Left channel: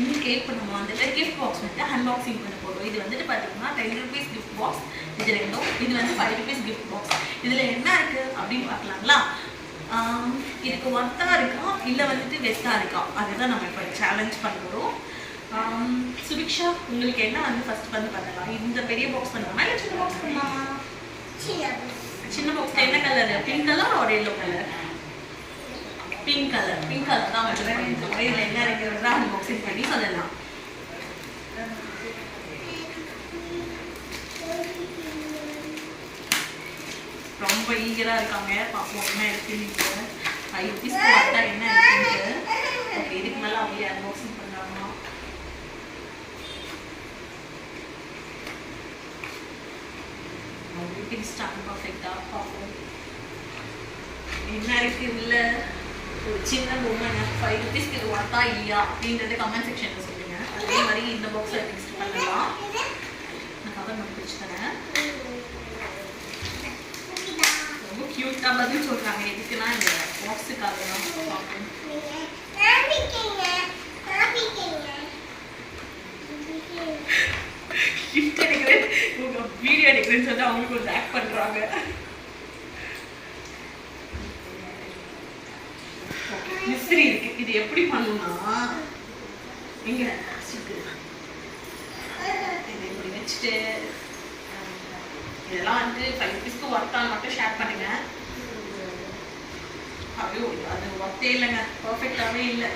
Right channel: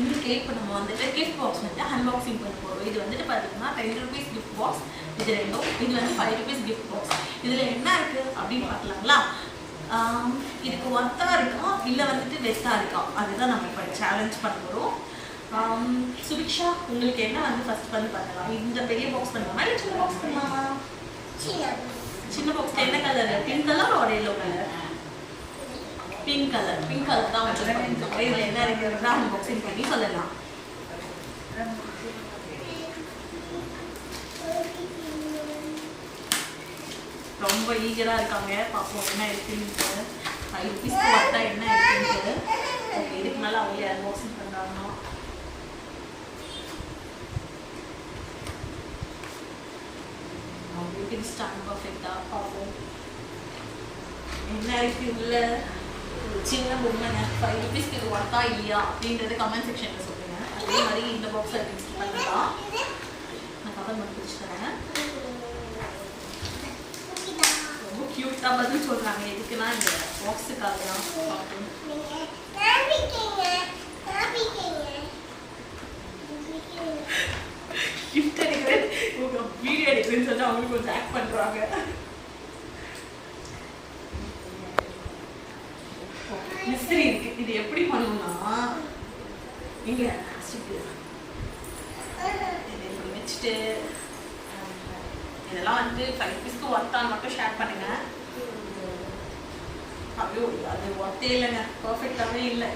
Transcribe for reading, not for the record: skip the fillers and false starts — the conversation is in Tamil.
இன்னைக்கு இப்போ நம்ம வந்துட்டு கிஃப்ட் பாக்ஸ் வந்து அன்பாக்சிங் பண்ண போகிறோம். இது வந்துட்டு பார்த்தீங்கன்னா 10 rupees கிஃப்ட் பாக்ஸ், இது ரெண்டும். இது வந்து 5 rupees கிஃப்ட் பாக்ஸ். இதில் என்ன இருக்குது அப்படின்னு பார்க்கலாங்களா? இதுக்கு ஒர்த்தாக இருக்கா இல்லை வந்துட்டு வெஸ்ட்டாக இருக்கா, அதுதான் நம்ம இப்போ சேலஞ்ச் பண்ண போகிறோம். சுபிக்ஷா, உங்களுக்கு என்ன வந்து ஃபர்ஸ்ட் வந்து பண்ணலாம்? இந்த பெரிய பாக்ஸ் பண்ணலாமா இல்லை சின்ன பாக்ஸ் பண்ணலாமா? சின்ன பாக்ஸில் என்ன கலர்? பிங்க் கலர் ஒரு எல்லோ கலர்? பிங்க் கலர் தான் வச்சு பண்ணியிருக்கோம். இதில் என்ன இருக்கிறதா அன்பாக்சிங் பண்ணி சொல்லலாம். ரொம்ப ஈகராக இருக்காங்க, பார்ப்போம் என்ன இருக்குன்னு. 5 rupees பார்த்தா என்ன இருக்குன்ட்டு. ஓகே, இதுக்கு மேலே அவங்க அன்பாக்சிங் பண்ணுறாங்க. அவங்க ஸ்டார்ட் பர்ஃபெக்டாக பார்ப்போம் என்ன இருக்கு. இல்லை ஒரு சின்ன பொம்மை 5 rupeesக்கு இது ஒர்த்தா இல்லையா அப்படின்றத கமெண்ட் செக்ஷனில் சொல்லுங்க. அதே மாதிரி இந்த பாக்ஸை நெக்ஸ்ட் பண்ணலாம். நான் கவர் மட்டும் பிடிச்சி தரேன். ரொம்ப க்யூட்டாக பதில் சொல்கிறாங்க. எதுக்குன்னா இந்த பாக்ஸுக்காக தான். கிஃப்ட் எடுக்கிறேன், வீடியோ எடுக்கிறேன்னு சொல்லி அவங்களுக்கு கொஞ்சம் ஆக்ட் பண்ணுறாங்க. மிஸ்திரி இருக்கு. இது எப்படி பண்ணணும்னா, நீங்க இதை இப்படி வச்சுட்டு இதெல்லாம் வந்து 5 rupeesக்கு ஒர்த்தான் மட்டும் ஷேர் பண்ணுங்க. அப்படியே அது ஒர்த்தே இல்லைங்க, பர்ஃபெக்டாகவே இல்லை.